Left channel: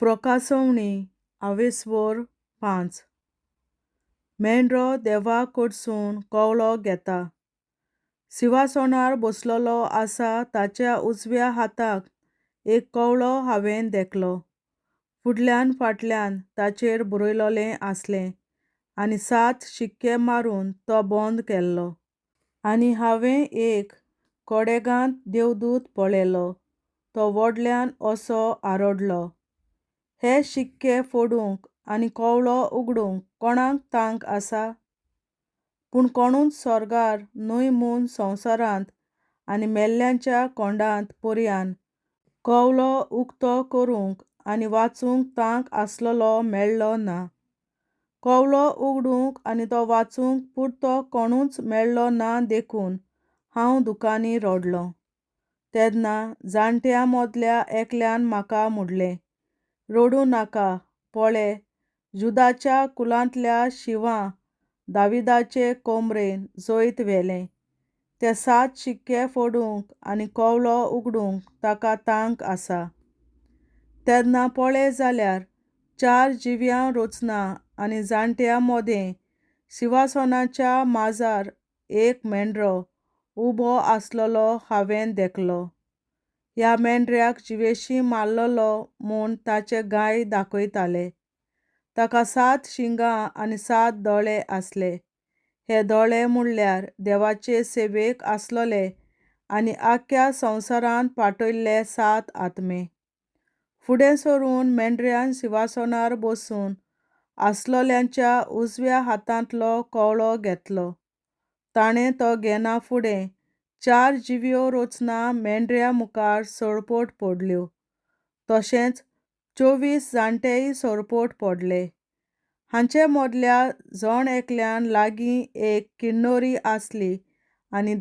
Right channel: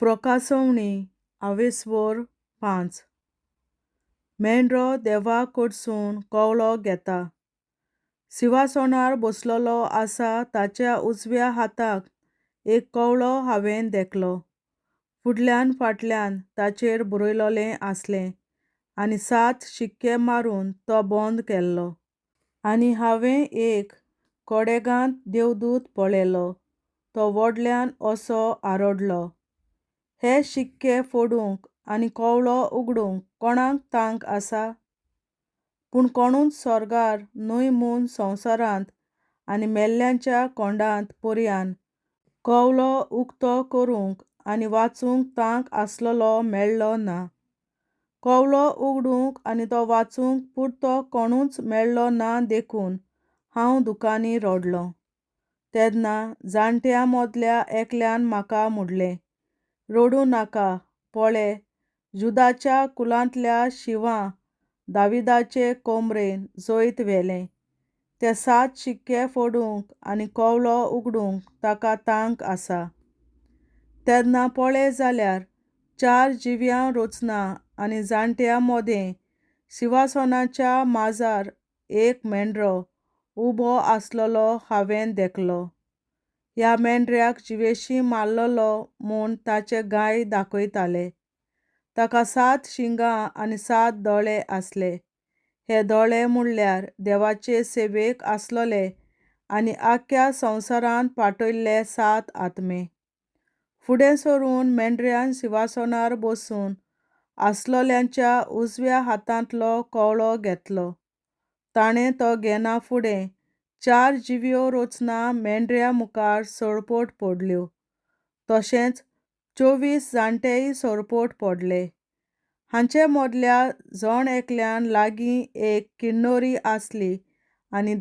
प्रकाशवणी 5 मेंढरो देवा कडसून कवळो घेता. सिंहासनार बसलोलो आसा ताच्या उजव्या हाताक एक कवळो हांवें देखलो. फुडल्यान फाटल्यान ताचेर बरयलोलें आसलें आनी 7 शिक्के मारून तो बंद केल्लो. आनी हांवें एक कडेगांत देवदूत पळयलो, तो व्हडल्यान असो आरडलो. हे शिक्के फोडूंक आनी कवळो उगडूंक कोणाक तांक आसा? पूण कोणूच स्वर्गार न्हय म्हूण संवसारांत आनी मेल्ल्यांच्या कोंडांत पर्यान कवळो उक्तो करूंक आनी वाचूंक तांक आसलोलो मेळ्ळो ना. कवळो उगडूंक आनी तो वाचूंक पुरतो कोणूच मेळ्ळो ना देखून हांव दुखानी रडलों. तेन्ना जाणट्यां मदल्या एकल्यान म्हाका म्हणलें, रडूं नाका, पळय, जुदाच्या कुलांतल्या शिवान दाविदाचे कोमरेन जैत व्हेलें. ते 7 शिक्के फोडूंक आनी कवळो उगडूंक ताका तांक आसा. तेन्ना पळय जाल्यार 4 जिव्यां रचना आनी जाणट्यां मदें सिंहासनाच्या माजार एक मेंढरो उबो आसलोलो हांवें देखलो. ह्या मेंढऱ्याक जिवेशीं मारलोलो म्हूण ताचे गाय दाखयताले. ताका 7 शिंगां आनी 7 दोळे आसले. हे दोळे म्हणल्यार देवाचे सेवेक आसलोले आनी आख्ख्या संवसारांत पाठयल्ले 7 आत्मे. फुडें सरून मेंढऱ्यान सिंहासनार बसून आसलोल्यांच्या उजव्या हातांतलो कवळो घेतलो. ताणें तो घेना फुडें 4 जिव्यो रचना मेंढऱ्या मुखार सरपट पडल्यो. तशेंच 24 जाणटेय सरपट पडले. हांचे मदल्या जण एकल्यान लागीं एक किन्नरी आसली आनी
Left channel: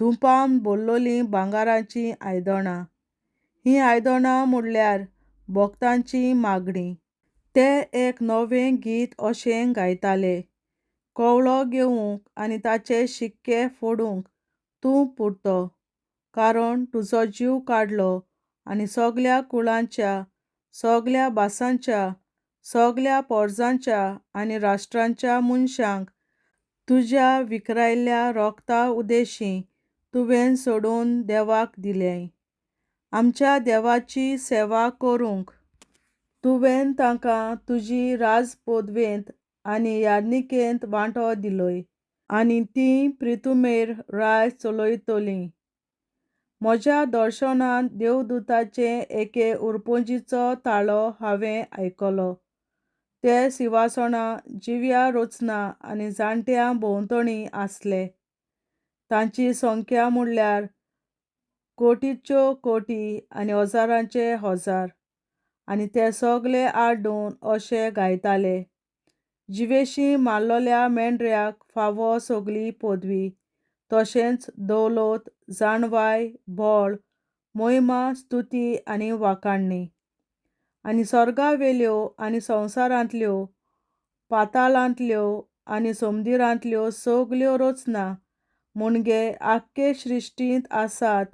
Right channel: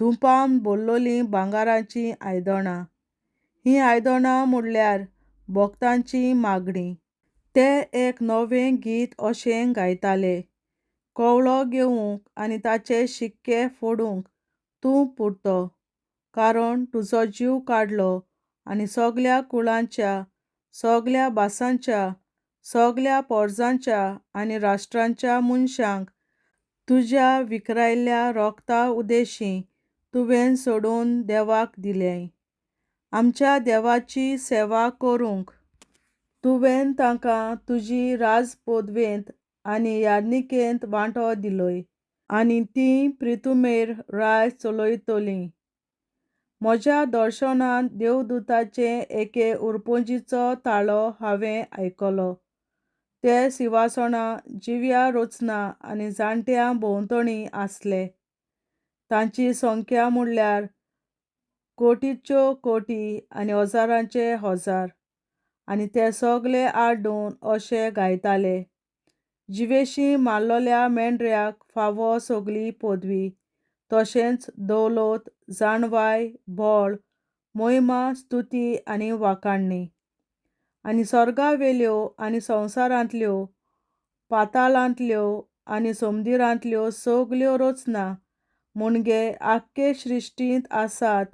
धुपान भरलोलीं भांगाराचीं आयदनां. हीं आयदनां म्हणल्यार भोगतांची मागणी. ते एक नवें गीत अशें गायताले, कवळो घेवंक आनी ताचे शिक्के फोडूंक तूं पुरतो, कारण तुजो जीव काडलो आनी सगल्या कुळांच्या, सगल्या भासांच्या, सगल्या परजांच्या आनी राष्ट्रांच्या मनशांक तुज्या विखरायल्ल्या रोगता उदेशीं तुवें सोडून देवाक दिलें. आमच्या देवाची सेवा करूंक तुवें तांकां तुजी राजपदवेंत आनी यादनिकेंत वांटो दिलोय आनी तीं प्रितुमेर राय चलयतलीं. म्हज्या दर्शनांत देवदूताचे एके उरपोंजीचो ताळो हांवें आयकलो. ते सिंहासनां, जिव्यां रचना आनी जाणट्यां भोंवतणी आसले. तांची संख्या म्हणल्यार कोटींच्यो कोटी आनी हजारांचे हजार. आनी ते सगळे आड्डून अशें गायताले, जिवेशीं मारलोल्या मेंढऱ्याक फावो सगली पदवी, तशेंच दौलत, जाणवाय, बळ, मोहिमा, स्तुती आनी वाखाणणी. आनी सर्गावेल्यो आनी संवसारांतल्यो, पाताळांतल्यो आनी समुद्रांतल्यो सगल्यो रचना म्हणजे आख्खे सृश्टींत आसात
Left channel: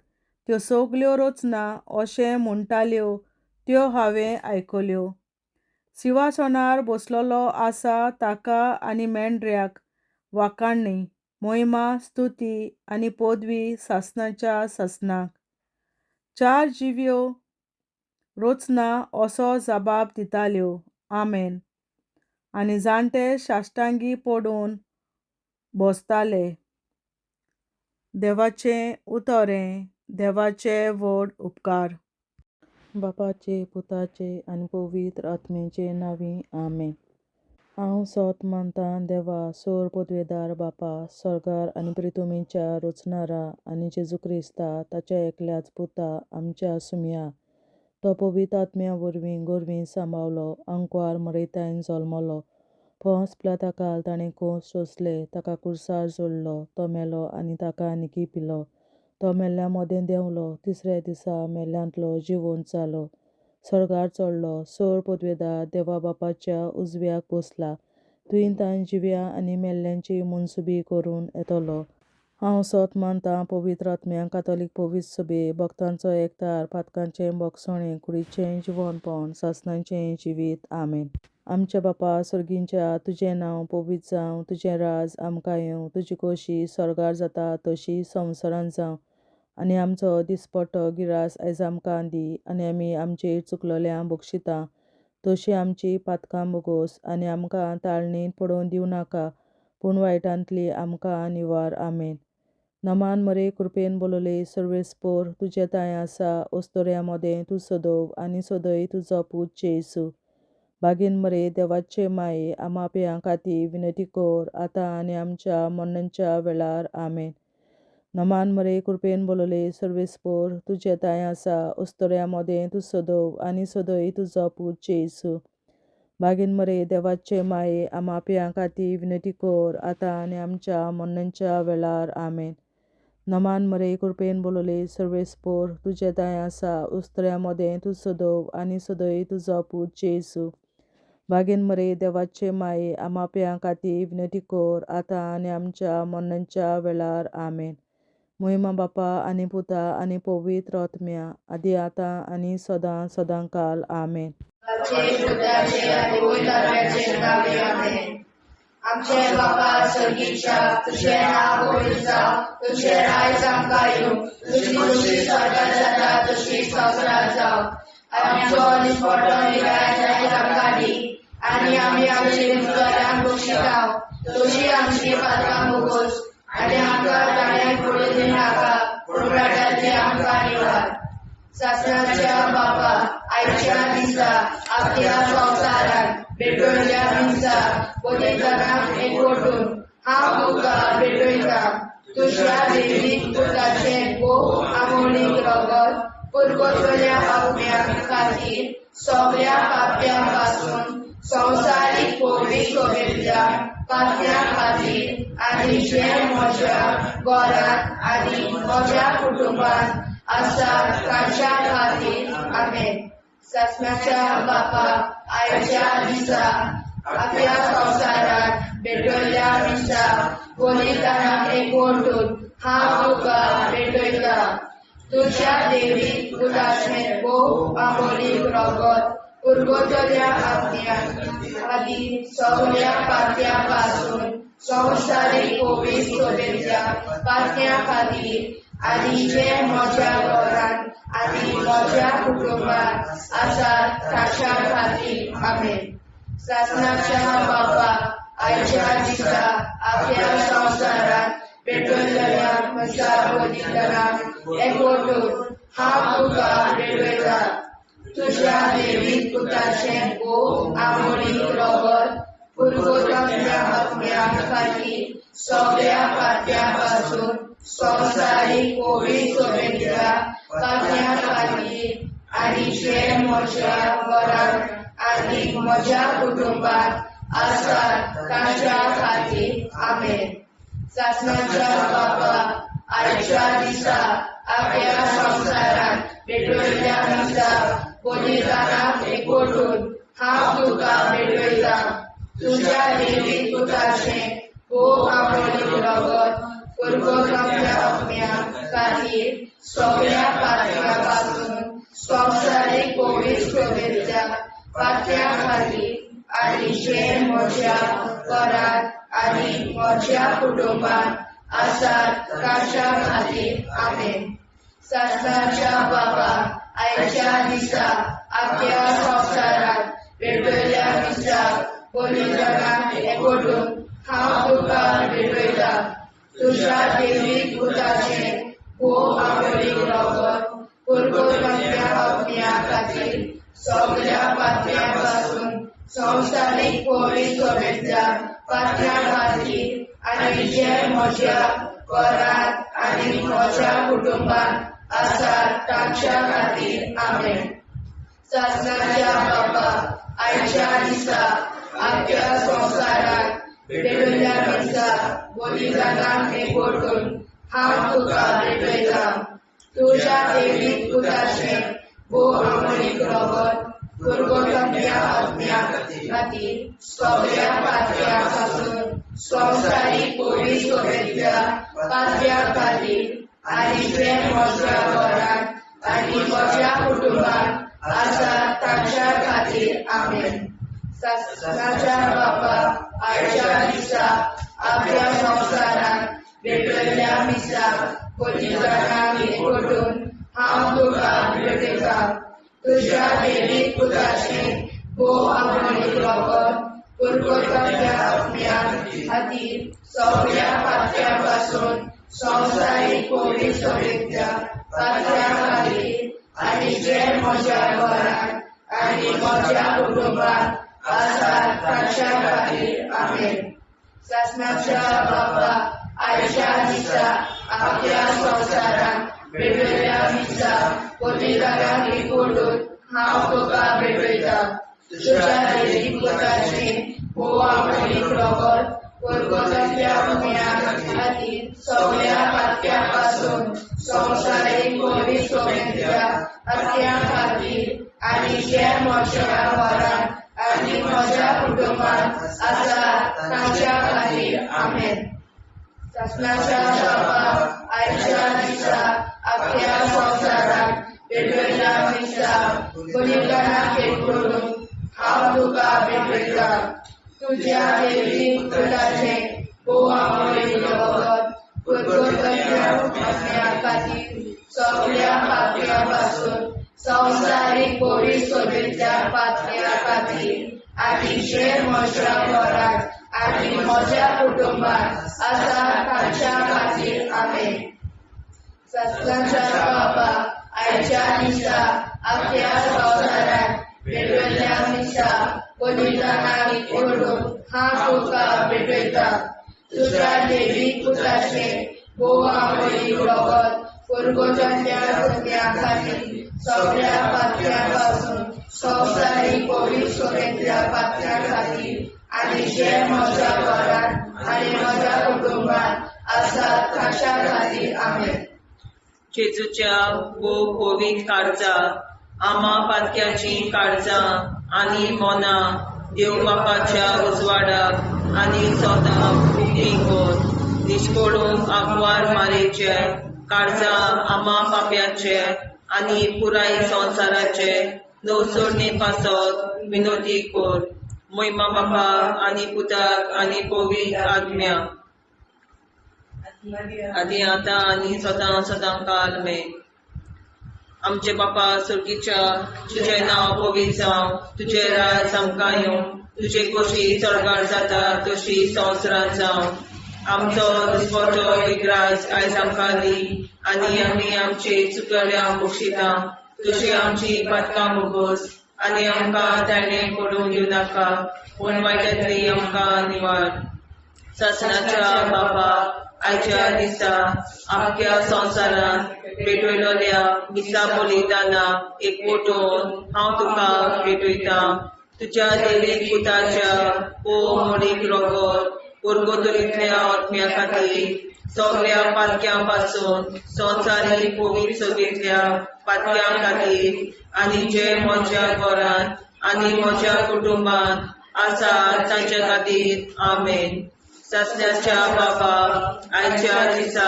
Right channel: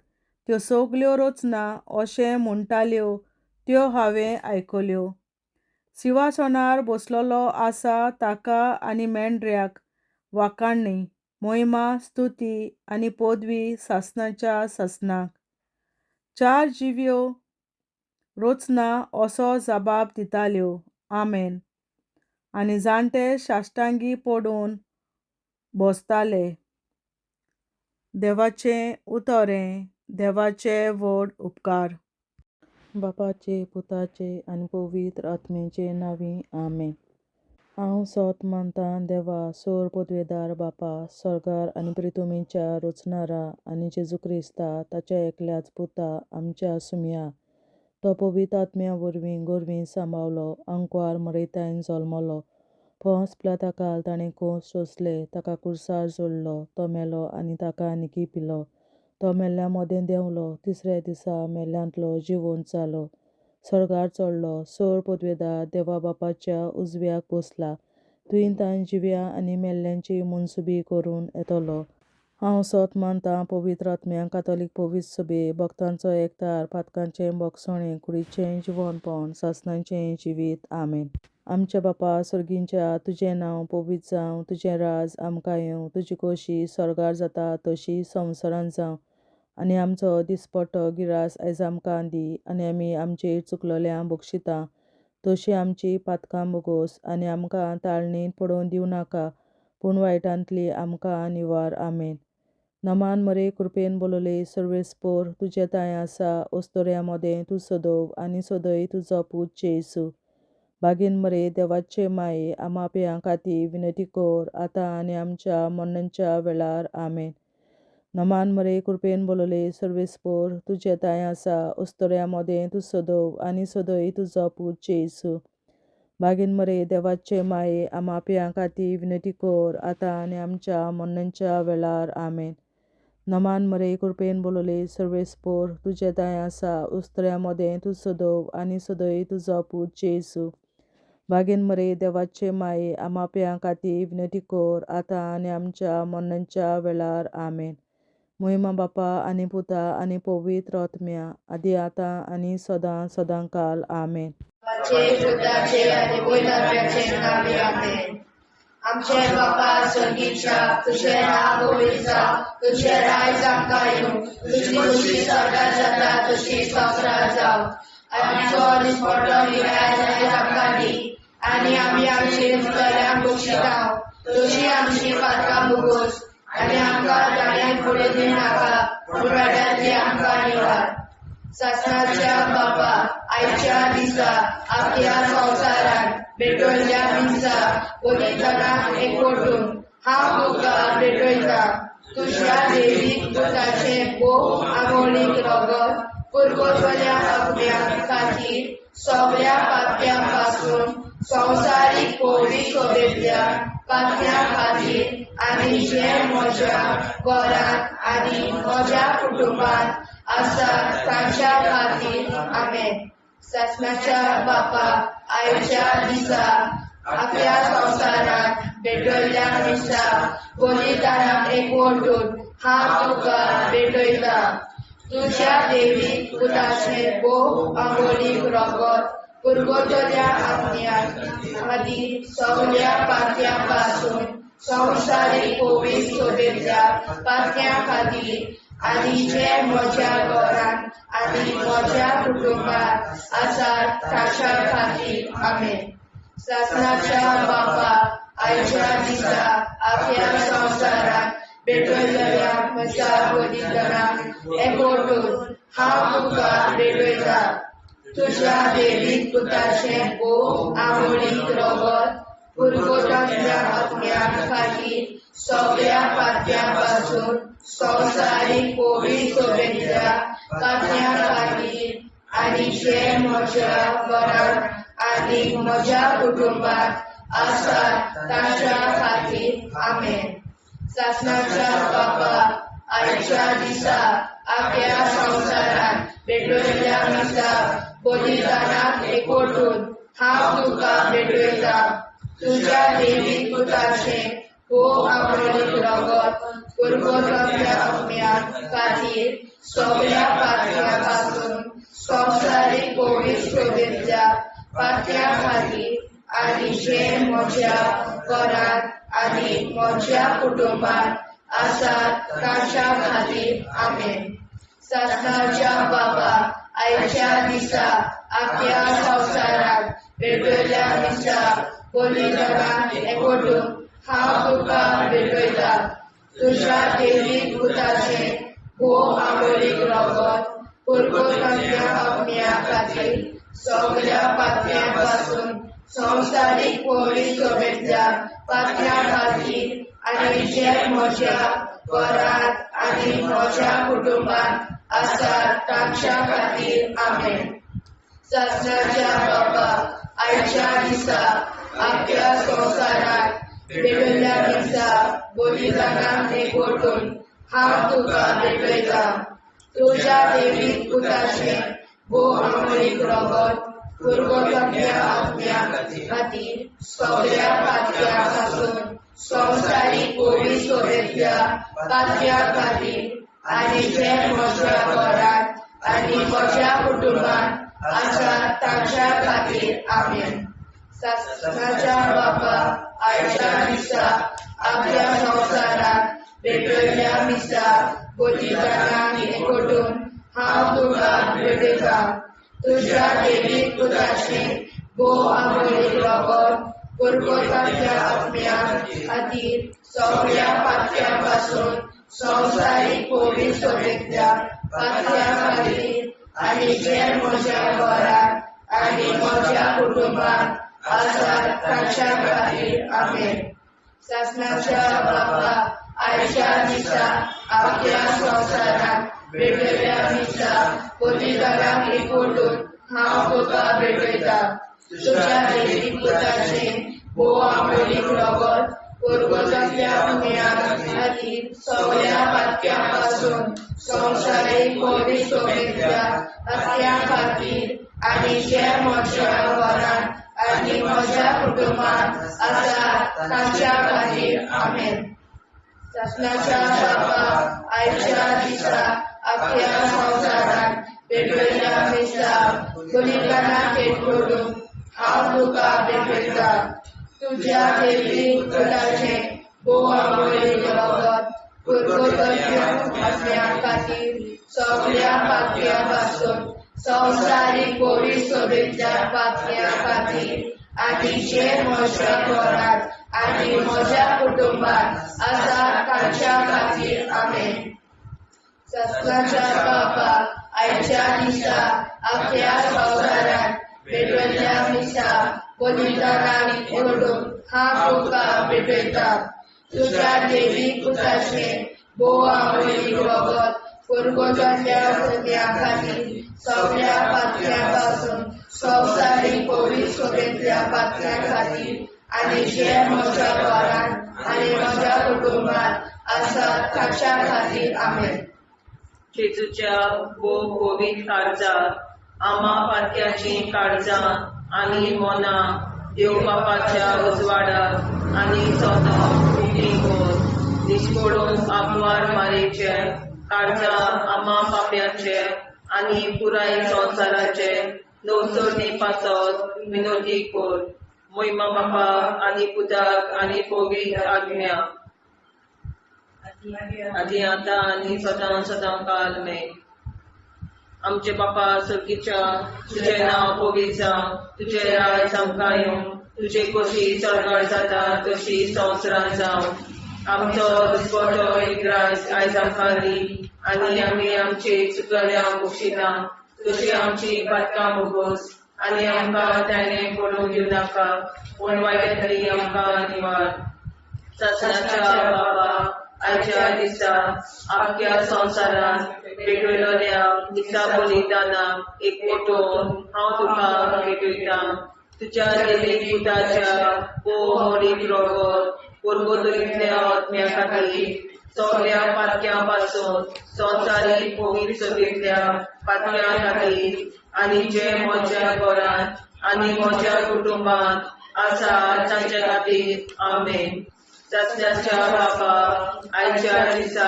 त्यो सगल्यो रचना अशें म्हणटाल्यो त्यो हांवें आयकल्यो. सिंहासनार बसलोलो आसा ताका आनी मेंढऱ्याक वाखाणणी, मोहिमा, स्तुती आनी पदवी सासणाच्या सासणाक. 4 जिव्यो रचना असो जबाब दिताल्यो, आमेन. आनी जाणटे साश्टांगी पडून बसताले. देवाचें उतरें. देवाचे व्हड उपकार. बापाचे, पुताचे आनी पवित्र आत्म्याचे नांवीं, आमेन. हांव सोत मानतां देवा, सोर पदवेदार बापा, स्वर्गार आनी प्रिथुमेच्या रचणारा आनी जेजू क्रिस्ता, ताच्या एकल्याच पुता, आमच्या सुम्या. तो पवित्र आत्म्या वरवीं गोरवीं सांबावलो, आंकवार मरयतायन जल्मलो. पोंस पिलाताकाल ताणें कोंस सोंसले, ताका क्रुसार जोडलो, तो मेलो आनी ताका निकी पिलो. तो मेल्ल्यां मदें देंवलो, तिसऱ्या दिसा मेल्ल्यांतलो जिवंत जालो, स्वर्गार चडलो, सोर पदवेदार देवा बापाच्या उजव्याक बसला, थंय तां जिव्यां आनी मेल्ल्यांची मनसुबी करून येतलो. हांव सोत मानतां पवित्र आत्म्यांक कातोलीक पवित्र सभे भक्तांचो एकठार पातकांचें भोगसणें कुडीचें जिवनपण सासणाचें जिवीत आमेन. आमच्या बापा सर्गींच्या तुजें नांव पवित्र जावं, तुजें राज आमकां येवं, तुजी खोशी स्वर्गार जाता तशी संवसारांत जावं. आनी आमचो दिसपट्टो गिरास आयज आमकां दी. आनी आमी आमचेर चुकलोल्यांक बक्षिता तशी आमची पातकां बोगोस. आनी आमकां ताळणेंत पडोवन दिवं नाका, पूण वायटांतली आमकां निवार. आमेन. नमान मरे कृपेन बोलोले सर्वेस्पोर तुजे ताय आसा, ओस्तोऱ्या मोदें तूं सदोव आनी सदय तुजो पूत जेसू. बागेन मरे देवाचे माये आमाप्यां खातीर विनंती कोर, आतां आनी आमच्या मरणाच्या वेळार. आमेन. नमान मरे कृपेन बोलोले सर्वेस्पोर तुजे ताय आसा, ओस्तोऱ्या मोदें तूं सदोव आनी सदय तुजो पूत जेसू. बागेन मरे देवाचे माये आमाप्यां खातीर विनंती कोर, आतां आनी आमच्या मरणाच्या वेळार. आमेन. नमान मरे कृपेन बोलोले सर्वेस्पोर तुजे ताय आसा, ओस्तोऱ्या मोदें तूं सदोव आनी सदय तुजो पूत जेसू. बागेन मरे देवाचे माये आमाप्यां खातीर विनंती कोर, आतां आनी आमच्या मरणाच्या वेळार. आमेन. महिमा बापा आनी पुता आनी पवित्र आत्म्या, आदी आतां आनी सदां सदांकाल. आमेन. आमचे बापा स्वर्गीच्या तुझे नाव पवित्र जावं, तुझे राज आमकां येवं, तुजी खोशी स्वर्गार जाता तशी संवसारांत जावं. आनी आमचो दिसपट्टो गिरास आयज आमकां दी. आनी आमी आमचेर चुकलोल्यांक बक्षिता तशी आमची पातकां बोगोस. आनी आमकां ताळणेंत पडोवन दिवं नाका, पूण वायटांतली आमकां निवार. सासणाच्या बापा आयच्या दिसा आपल्या संवसारांत भेटवयल्या दिसा पवित्रांक एकवटून हांव तुका भेटयता. तुज्या देवीक पुताचें भोव आमोणीक रगत पुरगोसल्या आत्म्यां खातीर सगळ्या पाप्यां पासून संवसारीक पवित्र सभेंतल्या पाप्यां खातीर आनी जे म्हज्या घरांत आनी म्हज्या कुटुंबांत आसा तांच्या खातीर. आमेन. सासणाच्या बापा आयच्या दिसा आपल्या संवसारांत भेटवयल्या दिसा पवित्रांक एकवटून हांव तुका भेटयता. तुज्या देवीक पुताचें भोव आमोणीक रगत पुरगोसल्या आत्म्यां खातीर सगळ्या पाप्यां पासून संवसारीक पवित्र सभेंतल्या पाप्यां खातीर आनी जे म्हज्या घरांत आनी म्हज्या कुटुंबांत आसात तांच्या खातीर. आमेन. सासणाच्या बापा आयच्या दिसा आपल्या संवसारांत भेटवयल्या म्हज्या पवित्रांक एकवटून हांव तुका भेटयता. तुज्या देवीक पुताचें भोव आमोणीक रगत पुरगोसल्या आत्म्यां खातीर सगळ्या पाप्यां पासून संवसारीक पवित्र सभेंतल्या पाप्यां खातीर आनी जे म्हज्या घरांत आनी म्हज्या कुटुंबांत आसात तांच्या खातीर. आमेन. सासणाच्या बापा आयच्या दिसा आपल्या संवसारांत भेटवयल्या दिसा पवित्रांक एकवटून हांव तुका भेटयता. तुज्या देवीक पुताचें भोव आमोणीक रगत पुरगोसल्या आत्म्यां खातीर सगळ्या पाप्यां पासून संवसारीक पवित्र सभेंतल्या पाप्यां खातीर आनी जे म्हज्या घरांत आनी म्हज्या कुटुंबांत आसात तांच्या खातीर. आमेन. सासणाच्या बापा आयच्या दिसा आपल्या संवसारांत भेटवयल्या दिसा पवित्रांक एकवटून हांव तुका भेटयता. तुज्या देवीक पुताचें भोव आमोणीक रगत पुरगोसल्या आत्म्यां खातीर सगळ्या पाप्यां पासून संवसारीक पवित्र सभेंतल्या पाप्यां खातीर आनी जे म्हज्या घरांत आनी म्हज्या कुटुंबांत आसात तांच्या खातीर. आमेन. सासणाच्या बापा आयच्या दिसा आपल्या संवसारांत भेटवयल्या दिसा पवित्रांक एकवटून हांव तुका भेटयता. तुज्या देवीक पुताचें भोव आमोणीक रगत पुरगोसल्या आत्म्या खातीर सगळ्या पातळ्यांपासून संवसारीक कोविड सोबेतल्या पातळ्यां खातीर आनी जे म्हज्या घरांत आनी म्हज्या कुटुंबांत आसा तांच्या खातीर आमेन. शासनाच्या बाबा आयच्या दिसा आपल्या संवसाराक वेगवेगळ्या मिसाक पवित्रांक एकवटून हांव तुका भेटयता. तुज्या देवीक पुताचें भोव आमोणीक लागून परगोताच्या आत्म्या खातीर सगळ्या पातळ्यां पासून संवसारीक कोविड सोबेतल्या पातळ्यां खातीर आनी जे म्हज्या घरांत आनी म्हज्या कुटुंबांत आसा तांच्या खातीर आमेन. शासनाच्या बाबा आयच्या दिसा आपल्या संवसाराक वेगवेगळ्या मिसाक पवित्रांक एकवटून हांव तुका भेटयता. तुज्या देवीक पुताचें भोव आमोणीक लागून परगोताच्या आत्म्या खातीर सगळ्या पातळ्यां पासून संवसारीक कोविड सोबेतल्या पातळ्यां खातीर आनी जे म्हज्या घरांत आनी म्हज्या कुटुंबांत आसा तांच्या खातीर आमेन. शासनाच्या बाबा आयच्या दिसा आपल्या संवसाराक वेगवेगळ्या मिसाक पवित्रांक एकवटून हांव तुका भेटयता. तुज्या देवीक पुताचें भोव आमोणीक लागून परगोताच्या आत्म्या खातीर सगळ्या पातळ्यां पासून संवसारीक कोविड सोबेतल्या पातळ्यां खातीर आनी जे म्हज्या घरांत आनी म्हज्या कुटुंबांत आसा तांच्या खातीर आमेन. शासनाच्या बाबा आयच्या दिसा आपल्या संवसाराक वेगवेगळ्या मिसाक पवित्रांक एकवटून हांव तुका भेटयता. तुज्या देवीक पुताचें भोव आमोणीक लागून परगोताच्या आत्म्या खातीर सगळ्या पातळ्यां पासून संवसारीक कोविड सोबेतल्या पातळ्यां खातीर आनी जे म्हज्या घरांत आनी म्हज्या कुटुंबांत आसा तांच्या खातीर आमेन. जेजूच्या भोव कोविड काळजां आमा पातक्याची काळजां आनी मोना देव बापाच्या उजवाडाक आनी सदांच विधीक निश्कोडून आग्वार मारेचे काळजां आमा पाप्याचे आनी पुराय संवसाराचे नवसोडणे पासत विनोदी कोर. महिमा बापा आनी पुताक आनी पवित्र आत्म्या आदी आतां आनी सदां सदां काल आमेन. आमचे बापा सर्गीच्या तुजें नांव पवित्र जावं, तुजें राज आमकां येवं, तुजे कशी चडगाड जाता तशी संवसारांत जावं. आमचो दिसवटो एकराज आयज आमकां दी आनी आमी आमचे चुकल्यांक बक्षिता. तशी आमची पातकां मुगोस आनी आमकां ताणें पडूंक दिवं नाका, पूण वायटांतली आमकां निवार. शासनाच्या बाबा आयच्या दिसा आख्या संवसारांत भेटयलोल्या मिसा बलिदानाक एकवटून हांव तुका भेटयता. तुज्या देवीक पुताच्या भोव आमोणीक लागून परगोतरींतल्या आत्म्या खातीर सगळ्या पातक्यां पासून संवसारीक कोविड सोबेतल्या पातक्यां खातीर आनी जे म्हज्या घरांत आनी म्हज्या कुटुंबांत आसा तांच्या खातीर आमेन. शासनाच्या बाबा आयच्या दिसा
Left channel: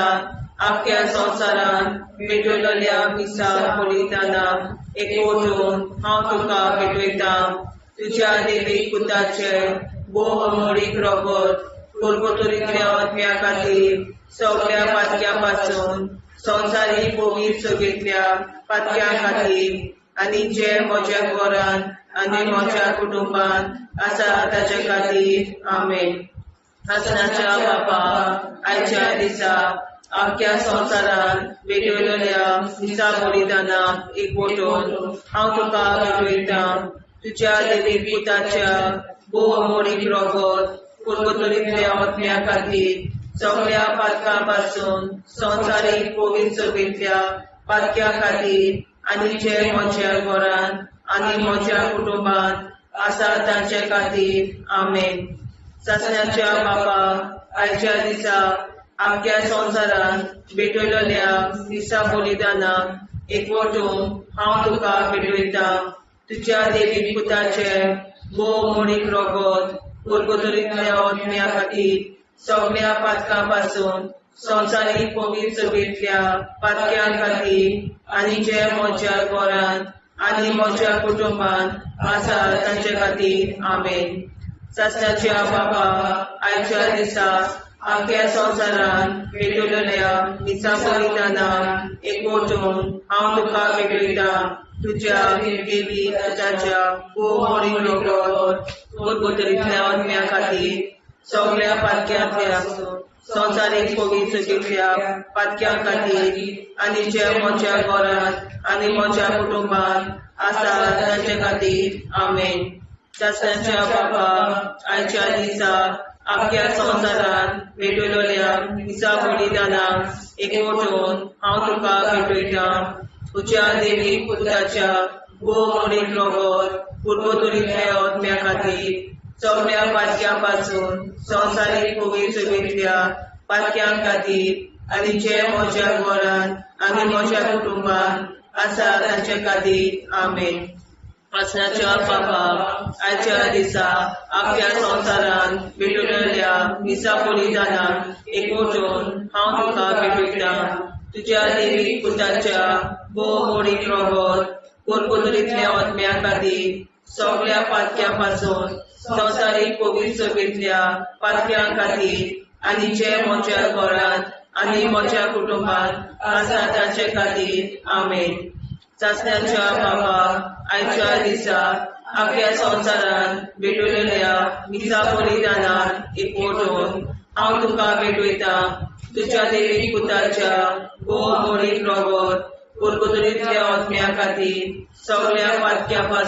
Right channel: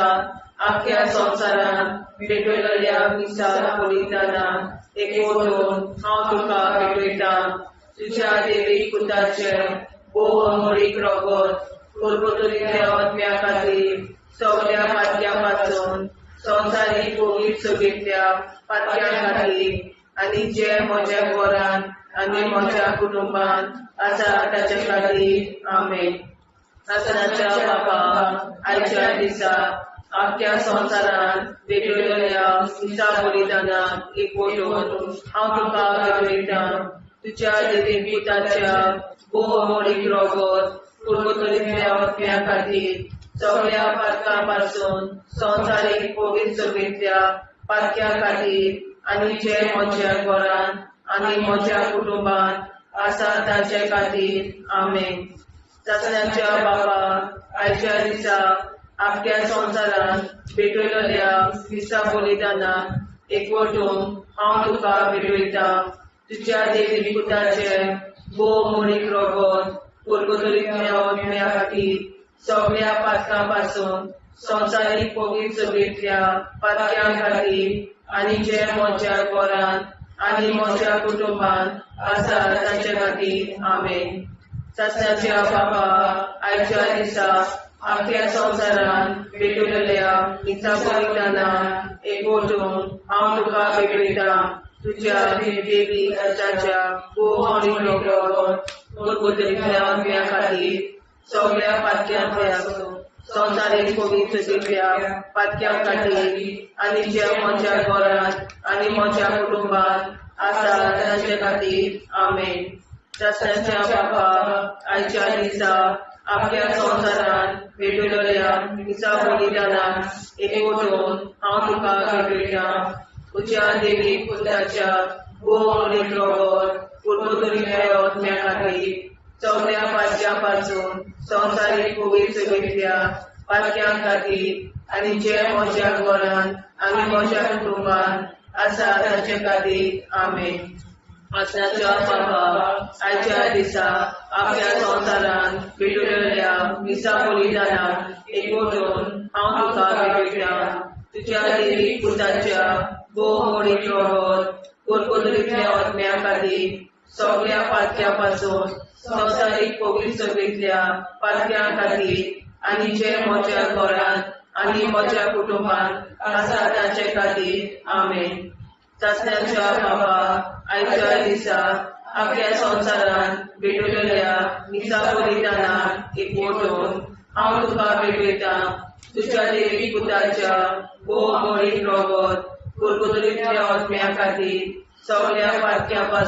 आख्या संवसारांत भेटयलोल्या मिसा बलिदानाक एकवटून हांव तुका भेटयता. तुज्या देवीक पुताचे भोव आमोणीक लागून परगोतरींतल्या आत्म्या खातीर सगळ्या पातक्यां पासून संवसारीक कोविड सोबेतल्या पातक्यां खातीर आनी जे म्हज्या घरांत आनी म्हज्या कुटुंबांत आसा ताच्या खातीर आमेन. शासनाच्या बाबा आयच्या दिसा आख्या संवसारांत भेटयलोल्या मिसा बलिदानाक एकवटून हांव तुका भेटयता. तुज्या देवीक पुताच्या भोव आमोणीक लागून परगोतरींतल्या आत्म्या खातीर सगळ्या पातकां पासून संवसारीक कोविड सोबेतल्या पातक्यां खातीर आनी जे म्हज्या घरांत आनी म्हज्या कुटुंबांत आसा तांच्या खातीर आमेन. शासनाच्या बाबा आयच्या दिसा आख्या संवसारांत भेटयलोल्या मिसा बलिदानाक एकवटून हांव तुका भेटयता. तुज्या देवीक पुताचे बो मोडीक रोगोत कुरकुतुरीतल्या ओतम्या खातीर सगळ्या पातकां संवसारीक पवित्र सभेंतल्या पातक्यां खातीर आनी जे म्हज्या घरांत आनी म्हज्या कुटुंबांत आसा तांचे खातीर आमेन. सत्याच्या बाबा, आयच्या दिसा आख्या संवसारांत भेटलेल्या दिसा बलिदानां एकवटून हांव तुका भेटयता. तुज्या देवी ताच्या मोडीक रोगोत कुरकुतुरीतल्या ओतम्या खातीर सगळ्या पातक्यांतल्या संवसारीक पवित्र सभेंतल्या पातक्यां खातीर आनी जे म्हज्या घरांत आनी म्हज्या कुटुंबांत आसा तांचे खातीर आमेन. शास्त्राच्या बाबा, आयच्या दिसा आख्या संवसारांत भेटलेल्या दिसा बलिदानां एकवटून हांव तुका भेटयता. तुज्या देवी पुताच्या मोडीक रोगोत कुरकुतुरीतल्या ओतम्या खातीर सगळ्या पातक्यां संवसारीक पवित्र सभेंतल्या पातक्यां खातीर आनी जे म्हज्या घरांत आनी म्हज्या कुटुंबांत आसा तांचे खातीर आमेन. आसाच्या बाबा, आयच्या दिसा आख्या संवसारांत भेटलेल्या दिसा बलिदानां एकवटून हांव तुका भेटयता. तुज्या देवी पुताच्या मोडीक रोगोत कुरकुतुरीतल्या ओतम्या खातीर सगळ्या पातक्यां संवसारीक पवित्र सभेंतल्या पातक्यां खातीर आनी जे म्हज्या घरांत आनी म्हज्या कुटुंबांत आसा तांचे खातीर आमेन. चाचण्याच्या बाबा, आयच्या दिसा आख्या संवसारांत भेटलेल्या दिसा बलिदानां एकवटून हांव तुका भेटयता. तुज्या देवी पुताच्या मोडीक रोगोत कुरकुतुरीतल्या ओतम्या खातीर सगळ्या पातक्यां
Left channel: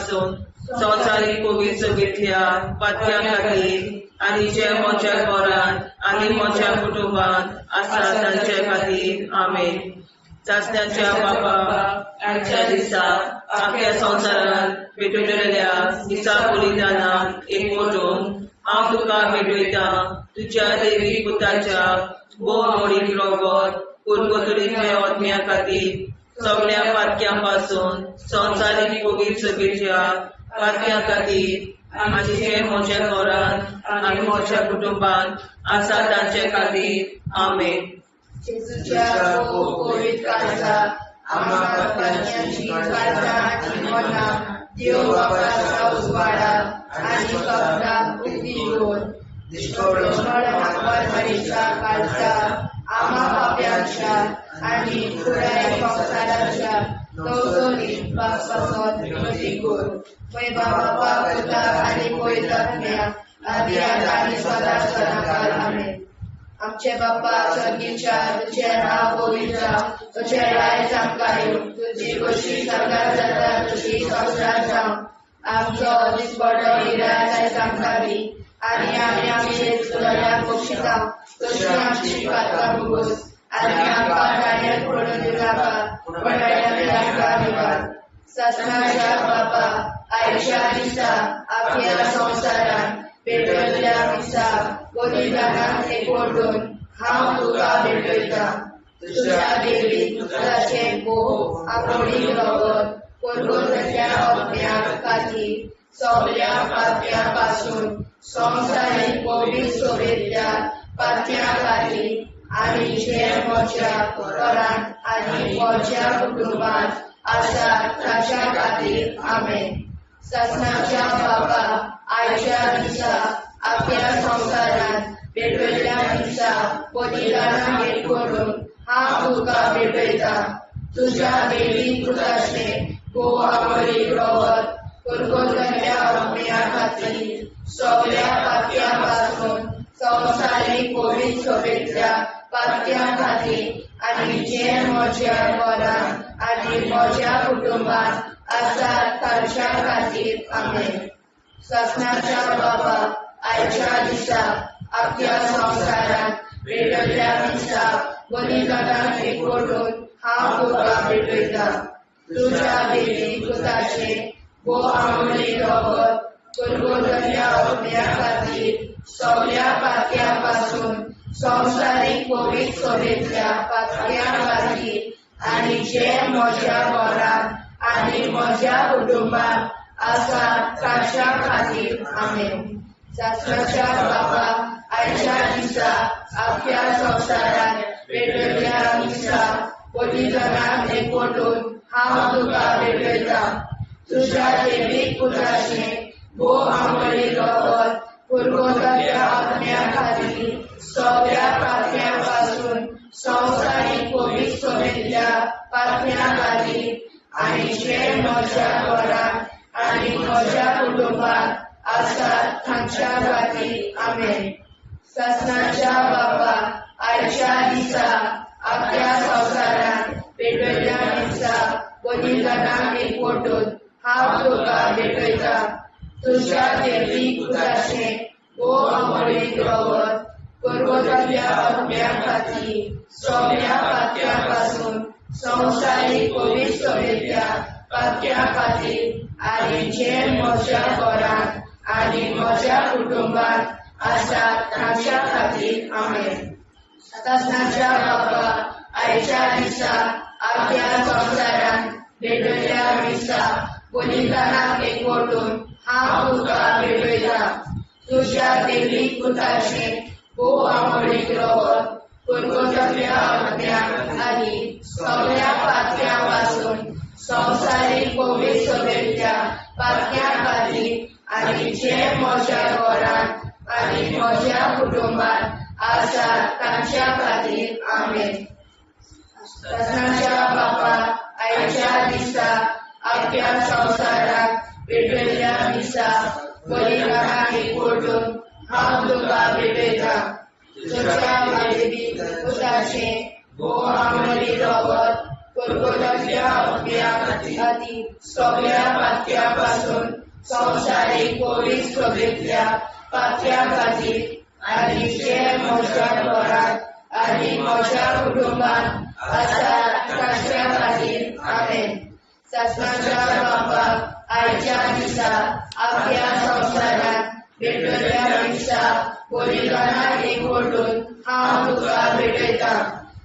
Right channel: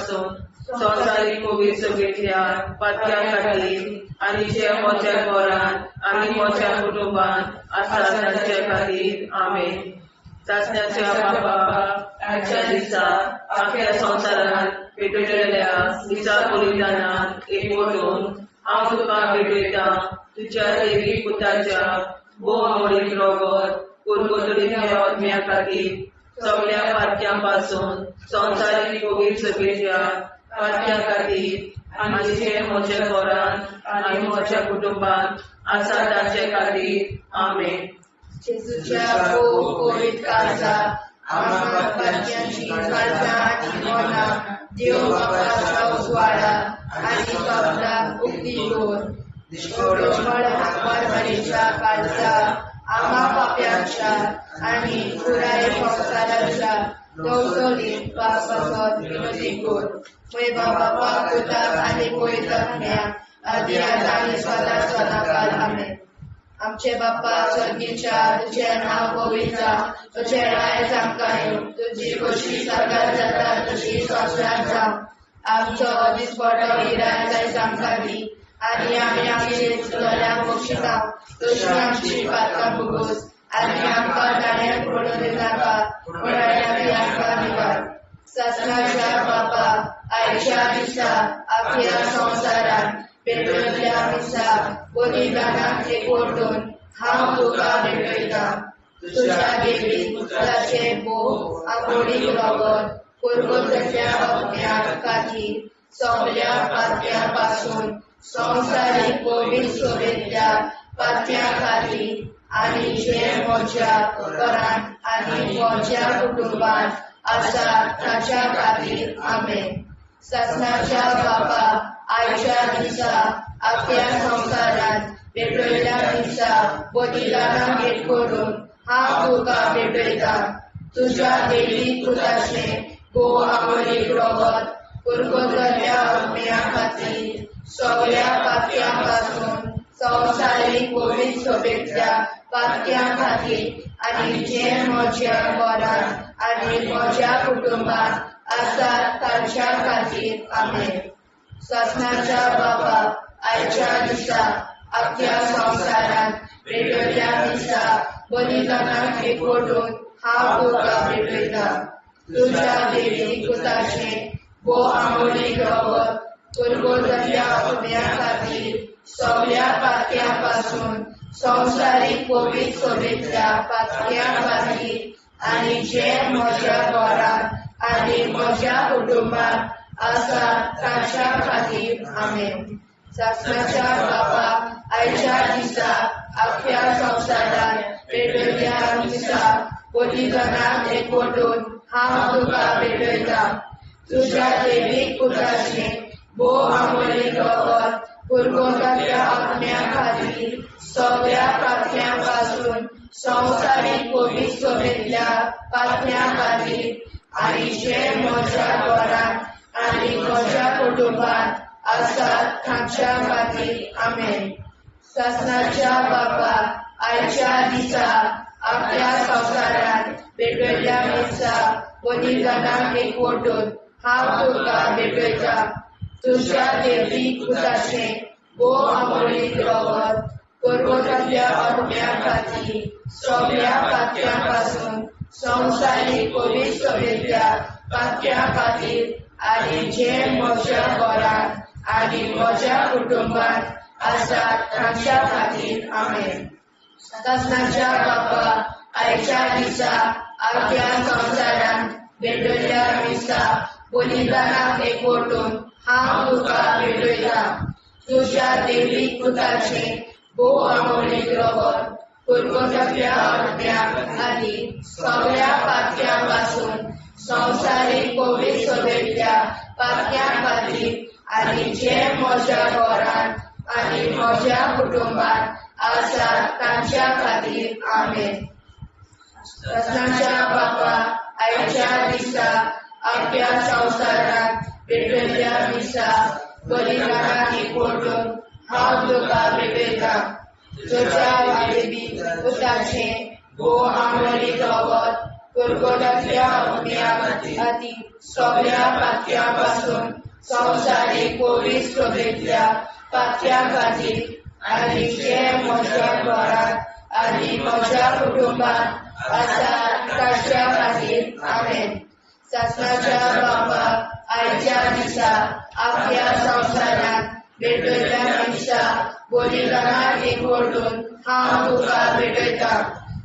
संवसारीक पवित्र सभेंतल्या पातक्यां खातीर आनी जे म्हज्या घरांत आनी म्हज्या कुटुंबांत आसा तांचे खातीर आमेन. चाचण्याच्या बाबा, आयच्या दिसा आख्या संवसारांत भेटलेल्या दिसा बलिदानां एकवटून हांव तुका भेटयता. तुज्या देवी पुताच्या मोडीक रोगोत कुरकुतुरीतल्या ओतम्या खातीर सगळ्या पातक्यां संवसारीक पवित्र सभेंतल्या पातक्यां खातीर आनी जे म्हज्या घरांत आनी म्हज्या कुटुंबांत आसा तांचे खातीर आमेन. जेजूच्या पवित्र काळजा आम्हा पातकांची काळजा आनी मना देव बापाच्या उजवाडा आनी कपडा उक्ती घेवन परमेच्या काळजा आम्हा पाप्यांच्या आनी पुराय संवसाराच्या नवसोनीत पापासून विनती कर. मैबा बापा पुता आनी पवित्रात्म्या आदी आनी सदा सदाकाळ आमेन. आमचे बापा स्वर्गीच्या तुझे नाव पवित्र तुझे राय जावं, तुझी कशी सगळ्यात जाता तशी संवसारांत जावं. आमचो दिसपडो हिराय आमकां दी आनी आमी आमचे सुदाऱ्यांक बक्षिता तशी आमची पातकां भोगोस आनी आमकां गाण्यार पडून नाका पूण आमकां निवार. सत्नाच्या बापा, आयच्या दिसा आख्या संवसारांत भेटलेल्या दिसा बलिदानां एकवटून हांव तुका भेटयता. तुज्या देवी पुताचे मोडीक रोगोत कुरकुतुरीतल्या ओतम्या खातीर सगळ्या पातक्यां संवसारीक पवित्र सभेंतल्या पातक्यां खातीर आनी जे म्हज्या घरांत आनी म्हज्या कुटुंबांत आसा तांच्या खातीर आमेन. सत्नाच्या बापा, आयच्या दिसा आख्या संवसारांत भेटलेल्या दिसा बलिदानां एकवटून हांव तुका भेटयता. तुज्या देवी पुताचे मोडीक रोगोत कुरकुतुरीतल्या ओतम्या खातीर सगळ्या पातक्यां संवसारीक पवित्र सभेंतल्या पातक्यां खातीर आनी जे म्हज्या घरांत आनी म्हज्या कुटुंबांत आसा तांच्या खातीर आमेन. सत्नाच्या बापा, आयच्या दिसा आख्या संवसारांत भेटलेल्या दिसा बलिदानां एकवटून हांव तुका भेटयता. तुज्या देवी पुताचे मोडीक रोगोत कुरकुतुरीतल्या ओतम्या खातीर सगळ्या पातक्यां संवसारीक पवित्र सभेंतल्या पातक्यां खातीर आनी जे म्हज्या घरांत आनी म्हज्या कुटुंबांत आसा तांच्या खातीर आमेन. शास्त्राच्या बाबा आयच्या दिसा आपल्या संवसारात वेगवेगळ्या दिसा बलिदानाक एकवटून हांव तुका भेटयता. तुझ्या दैवीक पुताचे भोव आंबळी रगत पुरवताच्या आपल्या खातीर सगळ्या पातळ्यां पासून संवसारीक पवित्र सभेंतल्या पातळ्यां खातीर आनी जे म्हज्या घरांत आनी म्हज्या कुटुंबांत आसात तांच्या खातीर आमेन. शासनाच्या बाबा आयच्या दिसा आपल्या संवसारात वेगवेगळ्या दिसा बलिदानाक एकवटून हांव तुका भेटयता. तुझ्या दैवीक पुताचे भोव आंबळीक रगत पुरवताच्या आपल्या खातीर सगळ्या पातळ्यां पासून संवसारीक पवित्र सभेंतल्या पातळ्यां खातीर आनी जे म्हज्या घरांत आनी म्हज्या कुटुंबांत आसात तांच्या खातीर आमेन. शासनाच्या बाबा आयच्या दिसा आपल्या संवसारात वेगवेगळ्या दिसा बलिदानाक एकवटून हांव तुका भेटयता. तुझ्या दैवीक पुताचे भोव आंबळीक रगत पुरवताच्या आपल्या खातीर सगळ्या पातळ्यां पासून संवसारीक पवित्र सभेंतल्या पातळ्यां खातीर आनी जे म्हज्या घरांत आनी म्हज्या कुटुंबांत आसात तांच्या खातीर आमेन. शासनाच्या बाबा आयच्या दिसा आपल्या संवसारात वेगवेगळ्या दिसा बलिदानाक एकवटून हांव तुका भेटयता. तुझ्या दैवीक पुताचे भोव आंबळी रगत पुरवताच्या आपल्या खातीर सगळ्या पातळ्यां पासून संवसारीक पवित्र सभेंतल्या पातळ्यां खातीर आनी जे म्हज्या घरांत आनी म्हज्या कुटुंबांत आसात तांच्या खातीर आमेन. शासनाच्या बाबा आयच्या दिसा आपल्या संवसारात वेगवेगळ्या दिसा बलिदानाक एकवटून हांव तुका भेटयता.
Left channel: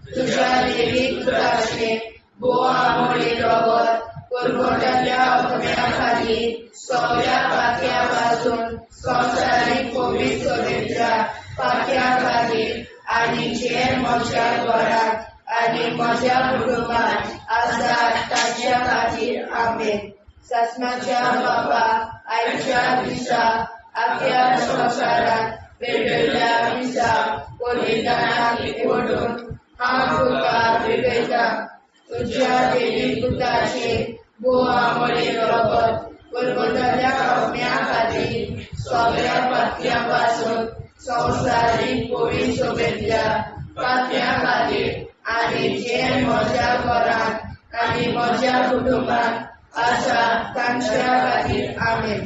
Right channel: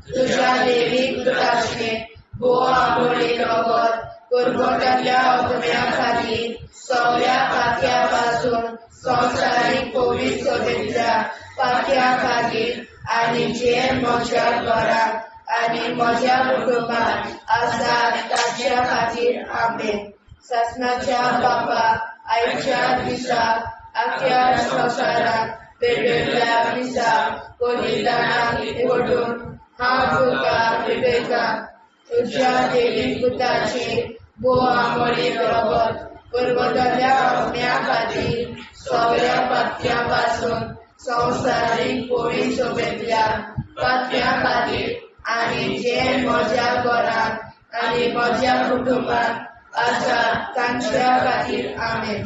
तुझ्या दैवीक पुताचे भोव आंबळी रगत पुरवताच्या आपल्या खातीर सगळ्या पातळ्यां पासून संवसारीक पवित्र सभेंतल्या पातळ्यां खातीर आनी जे म्हज्या घरांत आनी म्हज्या कुटुंबांत आसात तांच्या खातीर आमेन. शासनाच्या बाबा आयच्या दिसा आपल्या संवसारात वेगवेगळ्या दिसा बलिदानाक एकवटून हांव तुका भेटयता. तुझ्या दैवीक पुताचे भोव आंबळी रगत पुरवताच्या आपल्या खातीर सगळ्या पातळ्यां पासून संवसारीक पवित्र सभेंतल्या पातळ्यां खातीर आनी जे म्हज्या घरांत आनी म्हज्या कुटुंबांत आसात तांच्या खातीर आमेन.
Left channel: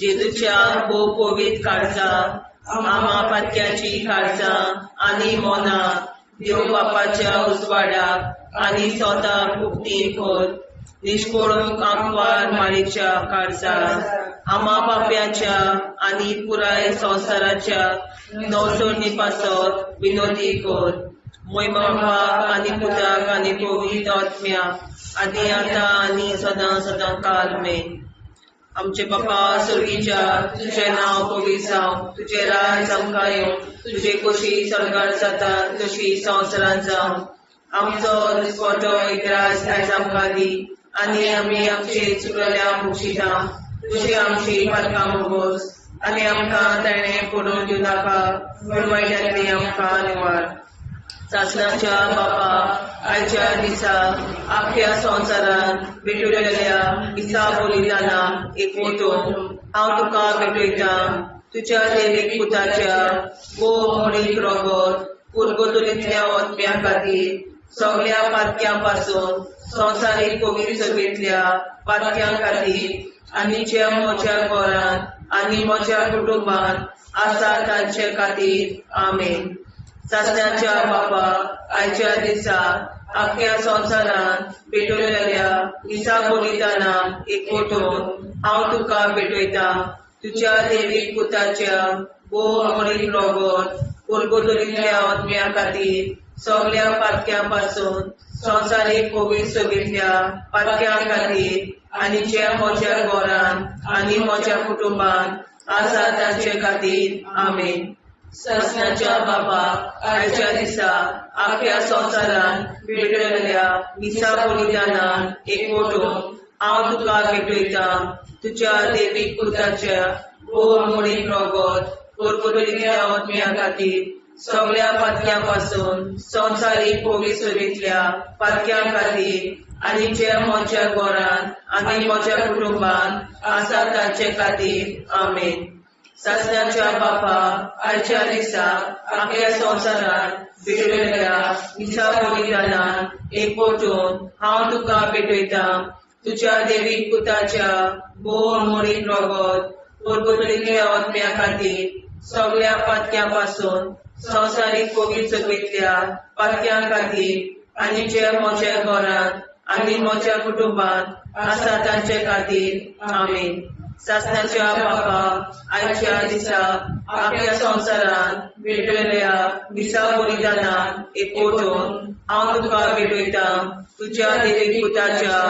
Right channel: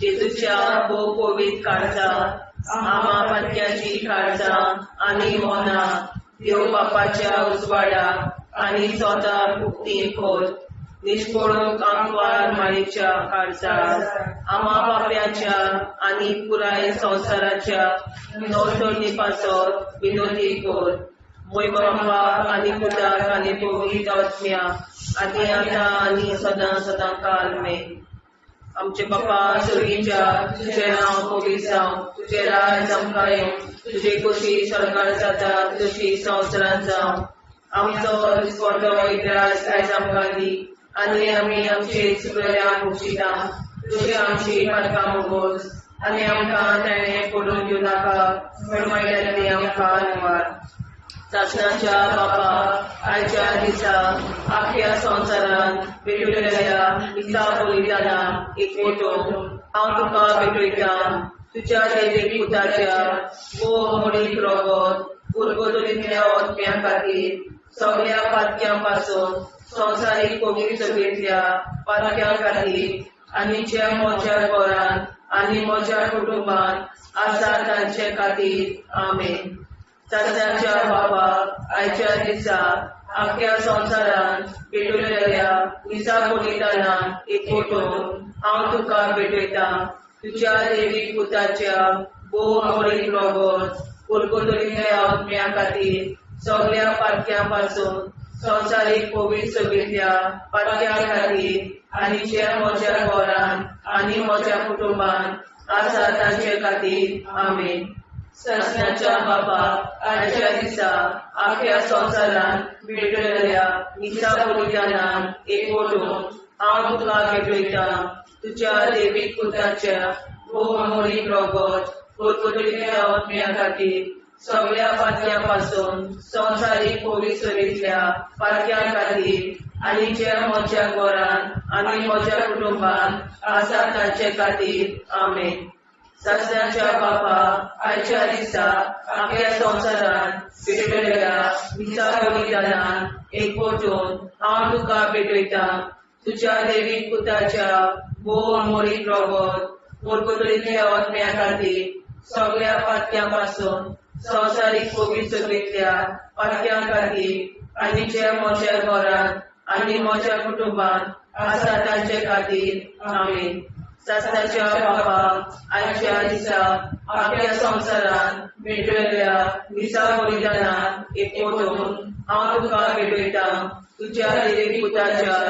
जेजूच्या भोव पवित्र काळजां आमा पात्याची काळजां आनी मोना देव बापाच्या उजवाडाक आनी स्वता मुक्ती कोर. निष्कोळूक आंकवार माळेच्या काळजां आमा बाप्याच्या आनी पुराय संवसाराच्या नवसोडणी पासत विनोदी कोर. मोय बापाक आनी पुताक आनी पवित्र आत्म्याक आदी आतां आनी सदां सदां काल मेन. आमचे बापा सर्गीच्या तुझें नांव पवित्र जावं. तुजें राज आमकां येवं. तुजी कशी सरकार जाता तशी संवसारांत जावं. आमचो दिसपटो एकदांच आयज आमकां दी आनी आमी आमचे चुकल्या मुक्षिता. तुजी आमची पातकां मोगोस आनी आमकां ताणें पडून दिवं नाका पण वायट्यांतली आमकां निवार. शासनाच्या बाबा आयच्या दिसा आपल्या संवसारांत भेटलेल्या दिसा बलिदानाक एकवटून हांव तुका भेटयता. तुज्या दैवीक पुताच्या भोव आंबळीक रगत पुरवताच्या आत्म्या खातीर सगळ्या पातळ्यां पासून संवसारीक पवित्र सभेंतल्या पातळ्यां खातीर आनी जे म्हज्या घरांत आनी म्हज्या कुटुंबांत आसा तांचे खातीर आमेन. शासनाच्या बाबा आयच्या दिसा आपल्या संवसारांत भेटलेल्या दिसा बलिदानाक एकवटून हांव तुका भेटयता. तुज्या दैवीक पुताच्या भोव आंबळीक रगत पुरवताच्या आत्म्या खातीर सगळ्या पातळ्यां पासून संवसारीक पवित्र सभेंतल्या पातळ्यां खातीर आनी जे म्हज्या घरान आनी म्हज्या कुटुंबान आसा ताचे खातीर आमेन. सस्नाच्या बापाक आयच्या दिसा आख्या संवसारान भेटलेल्या मिसा बलिदानान एकवटून हांव तुका भेटयता तुज्या देवीक पुताच्या बहुमोळी रगत परतुलिल्ल्या आत्म्या खातीर सगळ्या पातक्यां पासून संवसारीक पवित्रतेंतल्या पातक्यां खातीर आनी जे म्हज्या घरान आनी म्हज्या कुटुंबान आसा ताचे खातीर आमेन. सस्नाच्या बापा आयच्या दिसा आख्या संवसारान भेटलेल्या मिसा बलिदानान एकवटून हांव तुका भेटयता तुज्या देवीक पुताच्या बहुमोळी रगत परतुलिल्ल्या आत्म्या खातीर सगळ्या पातक्यां पासून संवसारीक पवित्रतेंतल्या पातक्यां खातीर आनी जे म्हज्या घरान आनी म्हज्या कुटुंबान आसा तांचे खातीर आमेन. सस्नाच्या बापा आयच्या दिसा आख्या संवसारान भेटलेल्या मिसा बलिदानान एकवटून हांव तुका भेटयता तुज्या देवीक पुताच्या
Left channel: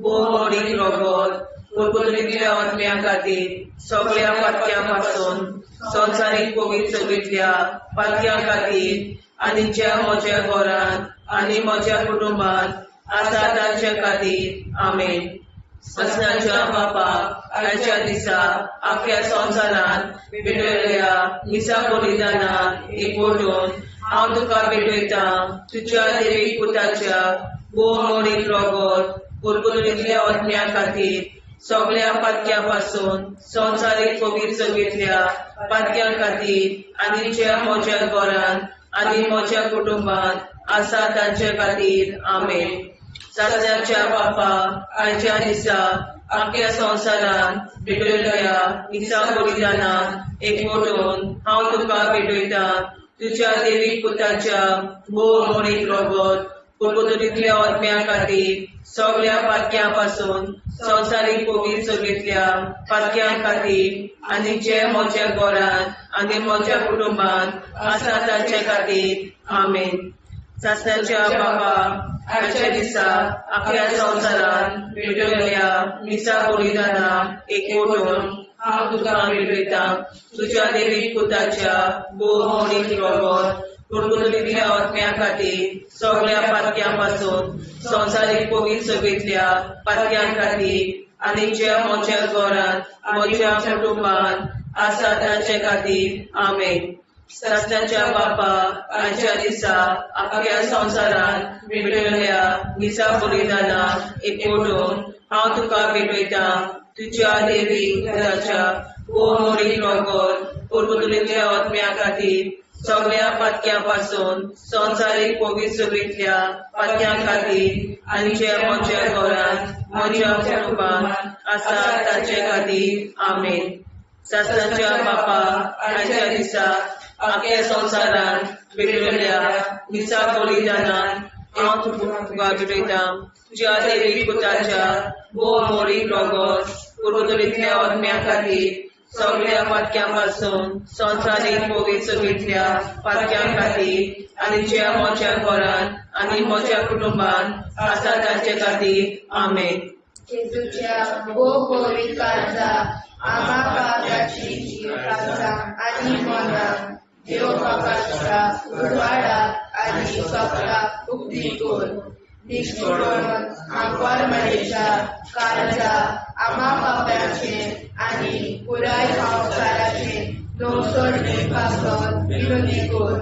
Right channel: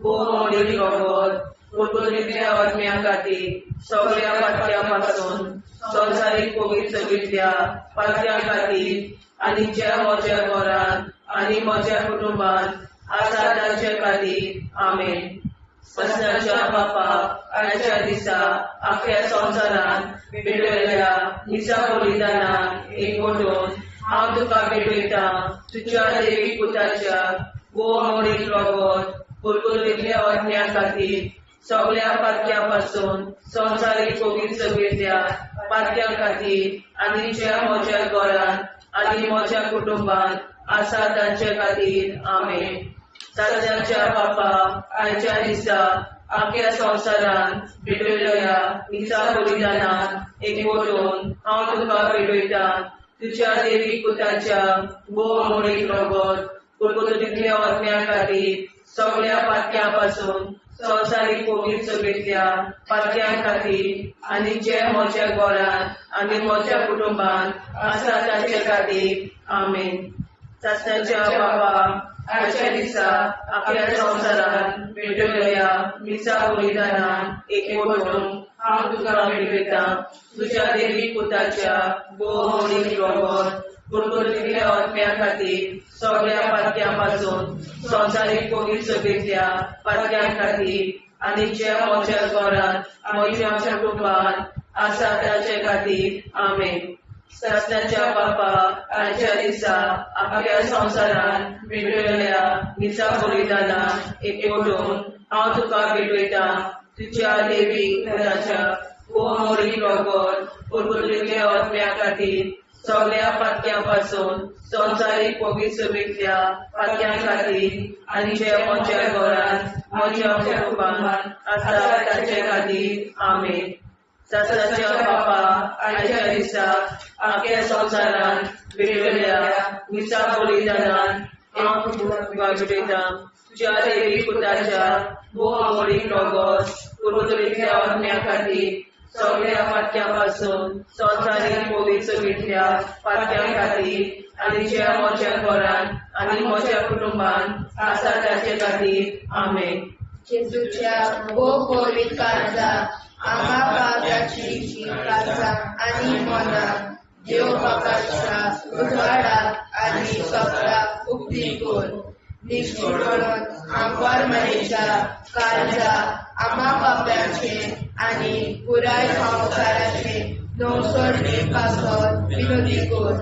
बहुमोळी रगत परतुलिल्ल्या आत्म्या खातीर सगळ्या पातक्यां पासून संवसारीक पवित्रतेंतल्या पातक्यां खातीर आनी ज्या म्हज्या घरान आनी म्हज्या कुटुंबान आसा तांचे खातीर आमेन. सस्नाच्या बापा आयच्या दिसा आख्या संवसारान भेटलेल्या मिसा बलिदानान एकवटून हांव तुका भेटयता तुज्या देवीक पुताच्या बहुमोळी रगत परतुलिल्ल्या आत्म्या खातीर सगळ्या पातक्यां पासून संवसारीक पवित्रतेंतल्या पातक्यां खातीर आनी ज्या म्हज्या घरान आनी म्हज्या कुटुंबान आसा तांचे खातीर आमेन. सस्नाच्या बापा आयच्या दिसा आख्या संवसारान भेटलेल्या मिसा बलिदानान एकवटून हांव तुका भेटयता तुज्या देवीक पुताच्या बहुमोळी रगत परतुलिल्ल्या आत्म्या खातीर सगळ्या पातक्यां पासून संवसारीक पवित्रतेंतल्या पातक्यां खातीर आनी जे म्हज्या घरान आनी म्हज्या कुटुंबान आसा तांचे खातीर आमेन. सस्नाच्या बापा आयच्या दिसा आख्या संवसारान भेटलेल्या मिसा बलिदानान एकवटून हांव तुका भेटयता तुज्या देवीक पुताच्या बहुमोळी रगत परतुलिल्ल्या आत्म्या खातीर सगळ्या पातक्यां पासून संवसारीक पवित्रतेंतल्या पातक्यां खातीर आनी जे म्हज्या घरान म्हज्या कुटुंबान आसा तांचे खातीर आमेन. सस्नाच्या बापा आयच्या दिसा आख्या संवसारान भेटलेल्या मिसा बलिदानान एकवटून हांव तुका भेटयता तुज्या देवीक पुताच्या बहुमोळी रगत परतुलिल्ल्या आत्म्या खातीर सगळ्या पातक्यां पासून संवसारीक पवित्रतेंतल्या पातक्यां खातीर आनी जे म्हज्या घरान म्हज्या कुटुंबान आसा तांचे खातीर आमेन. सस्नाच्या बापा आयच्या दिसा आख्या संवसारान भेटलेल्या मिसा बलिदानान हांव तुका भेटयता तुज्या देवीक पुताच्या बहुमोळी रगत परतुलिल्ल्या आत्म्या खातीर सगळ्या पातक्यां पासून संवसारीक पवित्रतेंतल्या पातक्यां खातीर आनी जे म्हज्या घरान आनी म्हज्या कुटुंबान आसा तांचे खातीर आमेन. जेजूच्या पवित्र काळजा आम्हा पापाची काळजा आनी मनाक देव बापाच्या उजवाडाक आनी सगळ्या उक्ती कोर निष्ठुरण आमकां मेळच्या काळजा आम्हा पापाचे आनी पुराय संवसाराचे नवसोडे पासत विनोदी कोर.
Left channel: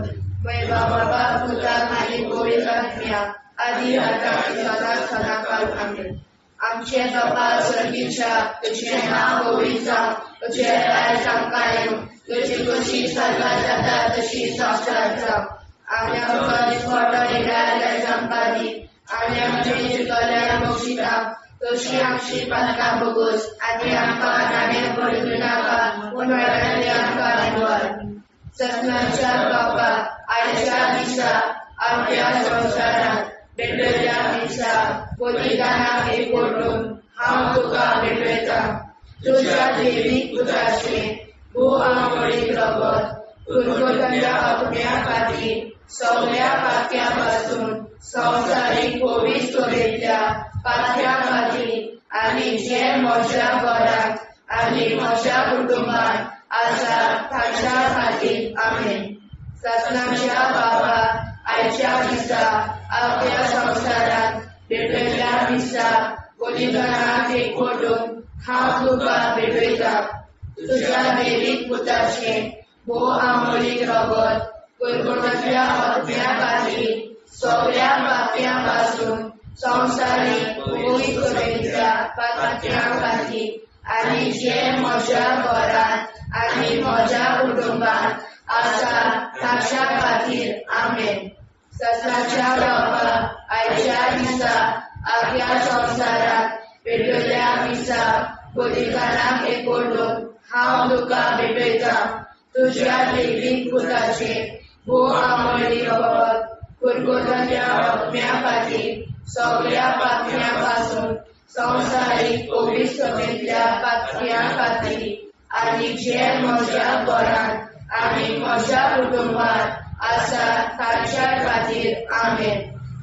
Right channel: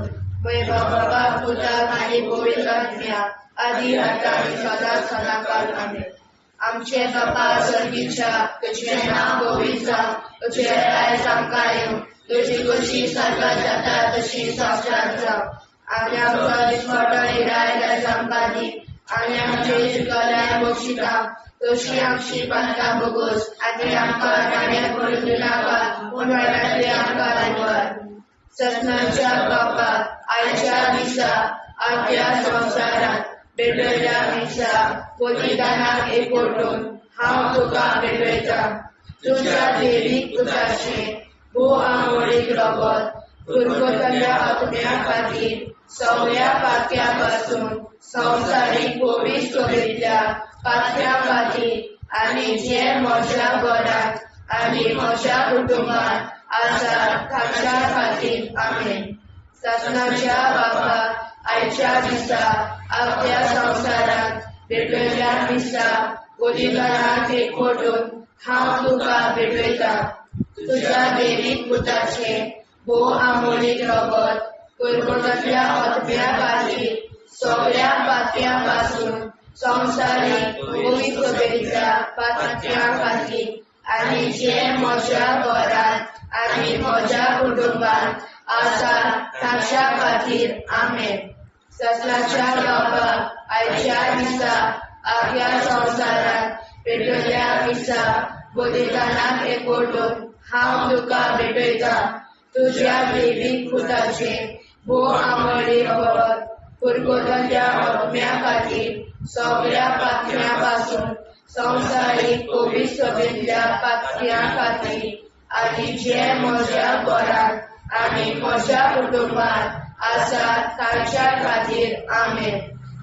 बाबा पुताक आनी पवित्रात्म्या आदी आतां आनी सदांच सदांकाळ आमेन. आमचे बाबा सर्गीच्या तुझे नाव पवित्र तुझे राय आमकां येवं तुजी कशी सजा जाता तशी संवसारांत राव. आनी आमकां दिसपट्टो हिराय आमकां दी आनी आमचे इश्टकल्या बक्षिता तशी आमची प्रार्थना बगोस आनी आमकां नाण्या पडूं नाका पूण वाटायली आमकां आयवार. सस्नाच्या बापा आयच्या दिसा आख्या संवसारांत भेटलेल्या मिसा बलिदानाक एकवटून हांव तुका भेटयता तुज्या देवीक पुताचे बहुमोळी रगत परतुलिल्ल्या आत्म्या खातीर सगळ्या पातक्यां पासून संवसारीक पवित्रतेंतल्या पातक्यां खातीर आनी जे म्हज्या घरांत आनी म्हज्या कुटुंबात आसा ताच्या खातीर आमेन. ससनाच्या बाबा आयच्या दिसा आपल्या संवसारात भेटयल्या दिसा बलिदानाक एकवटून हांव तुका भेटयता. तुज्या देवीक पुताचे भोव आमोलीक रगत कुरकुरांतल्या आत्म्या खातीर सगळ्या पापयां पासून संवसारीक पवित्रतेच्या पातक्या खातीर आनी जे म्हज्या घरांत आनी म्हज्या कुटुंबात आसा ताच्या खातीर आमेन. ससनाच्या बाबा आयच्या दिसा आपल्या संवसारात भेटयल्या दिसा बलिदानाक एकवटून हांव तुका भेटयता. तुज्या देवीक पुताचे भोव आमोली रगत कुरकुरांतल्या आत्म्या खातीर सगळ्या पापयां पासून संवसारीक पवित्रतेच्या पातक्या खातीर आनी जे म्हज्या घरांत आनी म्हज्या कुटुंबात आसा ताच्या खातीर आमेन.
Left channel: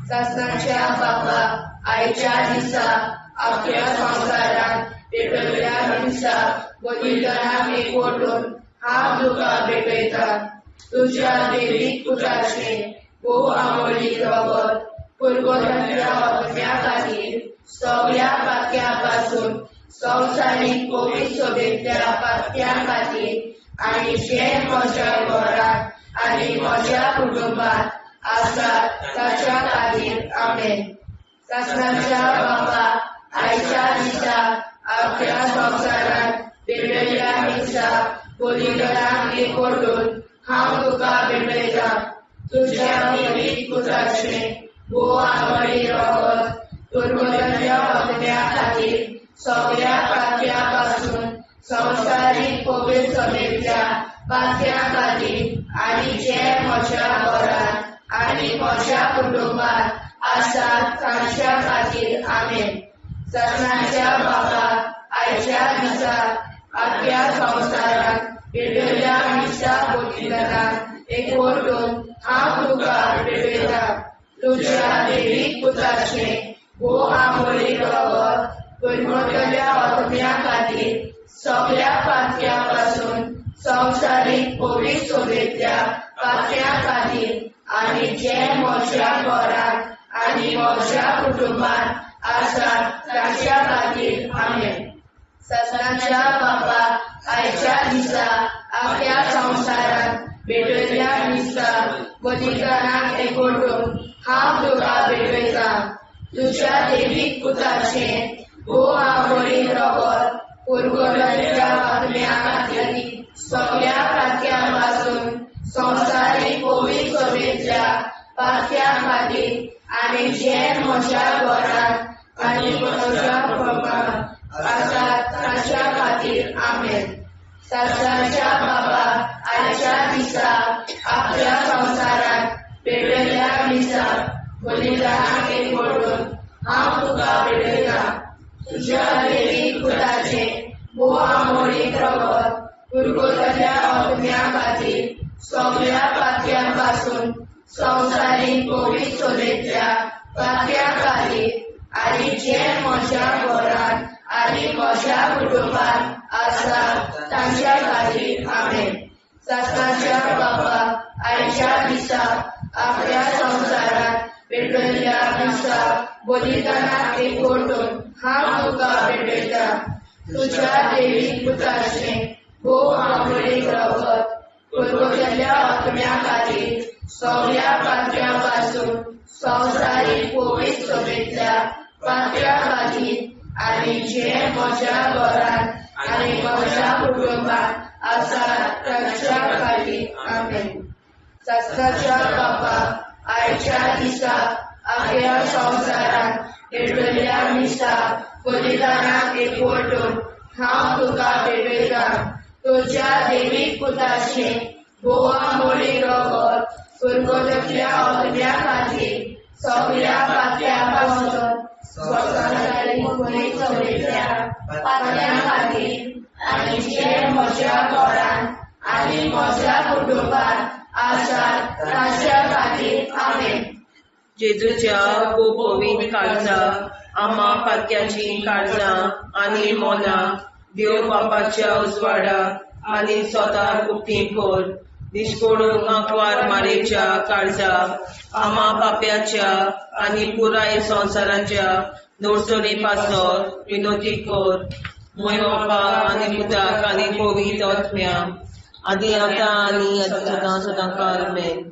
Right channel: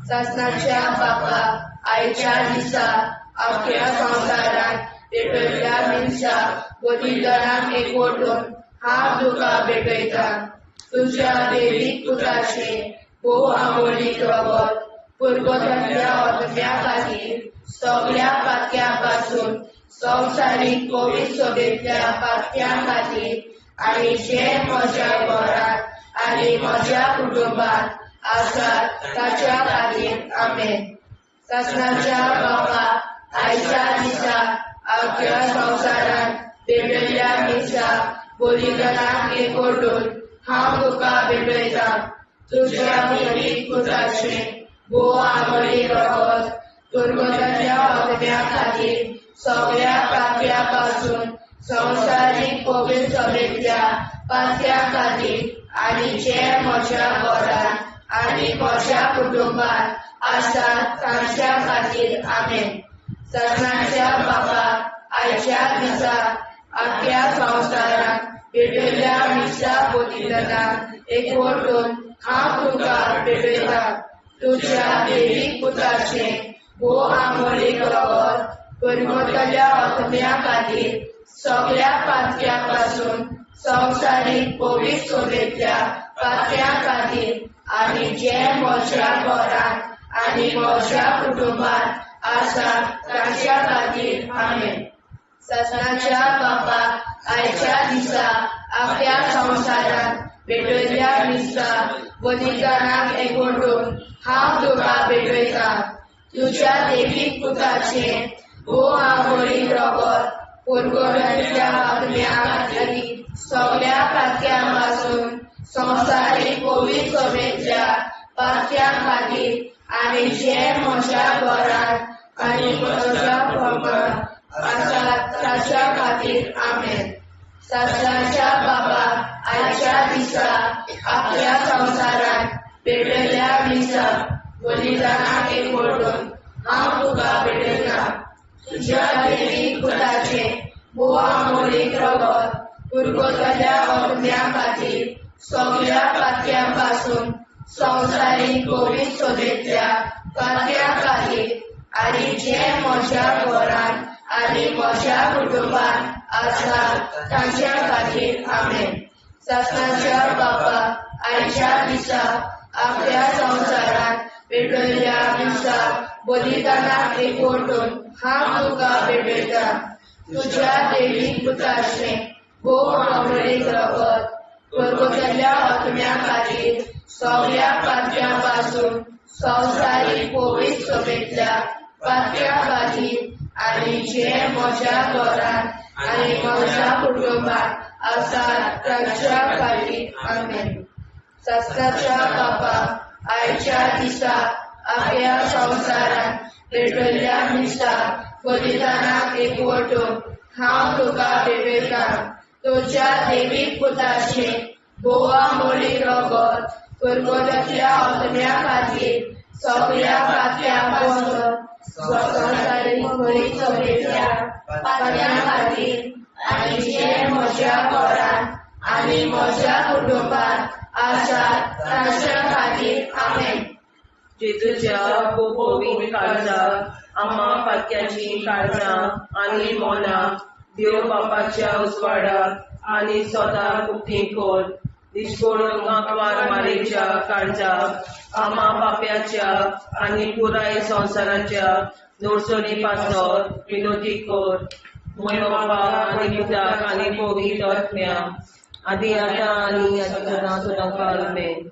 ससनाच्या बाबा आयच्या दिसा आपल्या संवसारात भेटयल्या दिसा बलिदानाक एकवटून हांव तुका भेटयता. तुज्या देवीक पुताचे भोव आमोलीक रगत कुरकुरांतल्या आत्म्या खातीर सगळ्या पापयां पासून संवसारीक पवित्रतेच्या पातक्या खातीर आनी जे म्हज्या घरांत आनी म्हज्या कुटुंबात आसा ताच्या खातीर आमेन. ससनाच्या बाबा आयच्या दिसा आपल्या संवसारात भेटयल्या दिसा बलिदानाक एकवटून हांव तुका भेटयता. तुज्या देवीक पुताचे भोव आमोलीक रगत कुरकुरांतल्या आत्म्या खातीर सगळ्या पापयां पासून संवसारीक पवित्रतेच्या पातक्या खातीर आनी जे म्हज्या घरांत आनी म्हज्या कुटुंबात आसा ताच्या खातीर आमेन. ससनाच्या बाबा आयच्या दिसा आपल्या संवसारात भेटयल्या दिसा बलिदानाक एकवटून हांव तुका भेटयता. तुज्या देवीक पुताचे भोव आमोलीक रगत कुरकुरांतल्या आत्म्या खातीर सगळ्या पापयां पासून संवसारीक पवित्रतेच्या पातक्या खातीर आनी जे म्हज्या घरांत आनी म्हज्या कुटुंबात आसा ताच्या खातीर आमेन. ससनाच्या बाबा आयच्या दिसा आपल्या संवसारात भेटयल्या दिसा बलिदानाक एकवटून हांव तुका भेटयता. तुज्या देवीक पुताचे भोव आमोलीक रगत कुरकुरांतल्या आत्म्या खातीर सगळ्या पापयां पासून संवसारीक पवित्रतेच्या पातक्या खातीर आनी जे म्हज्या घरांत आनी म्हज्या कुटुंबात आसा ताच्या खातीर आमेन. ससनाच्या बाबा आयच्या दिसा आपल्या संवसारात भेटयल्या दिसा बलिदानाक एकवटून हांव तुका भेटयता. तुज्या देवीक पुताचे भोव आमोलीक रगत कुरकुरांतल्या आत्म्या खातीर सगळ्या पापयां पासून संवसारीक पवित्रतेच्या पातक्या खातीर आनी जे म्हज्या घरांत आनी म्हज्या कुटुंबात आसा ताच्या खातीर आमेन. ससनाच्या बाबा आयच्या दिसा आपल्या संवसारात भेटयल्या दिसा बलिदानाक एकवटून हांव तुका भेटयता. तुज्या देवीक पुताचे भोव आमोलीक रगत कुरकुरांतल्या आत्म्या खातीर सगळ्या पापयां पासून संवसारीक पवित्रतेच्या पातक्या खातीर आनी जे म्हज्या घरांत आनी म्हज्या कुटुंबात आसा ताच्या खातीर आमेन. ससनाच्या बाबा आयच्या दिसा आपल्या संवसारात भेटयल्या दिसा बलिदानाक एकवटून हांव तुका भेटयता. तुज्या देवीक पुताचे भोव आमोलीक रगत कुरकुरांतल्या आत्म्या खातीर सगळ्या पापयां पासून संवसारीक पवित्रतेच्या पातक्या खातीर आनी जे म्हज्या घरांत आनी म्हज्या कुटुंबात आसा ताच्या खातीर आमेन. जेजूच्या पवित्र काळजा आम्हा पातक्याची काळजां आनी मोना देव बापाच्या उजवाडाक आनी स्वता कुटी कोर दिसपडून आंकवार मारेच्या काळजा आम्हा पाप्याच्या आनी पुराय संवसाराच्या नोडसणी पासर विनोदी कोर मोय बापा आनी पुताक आनी पवित्र आत्म्या आदी आतां आनी सदां सदां काल आमेन.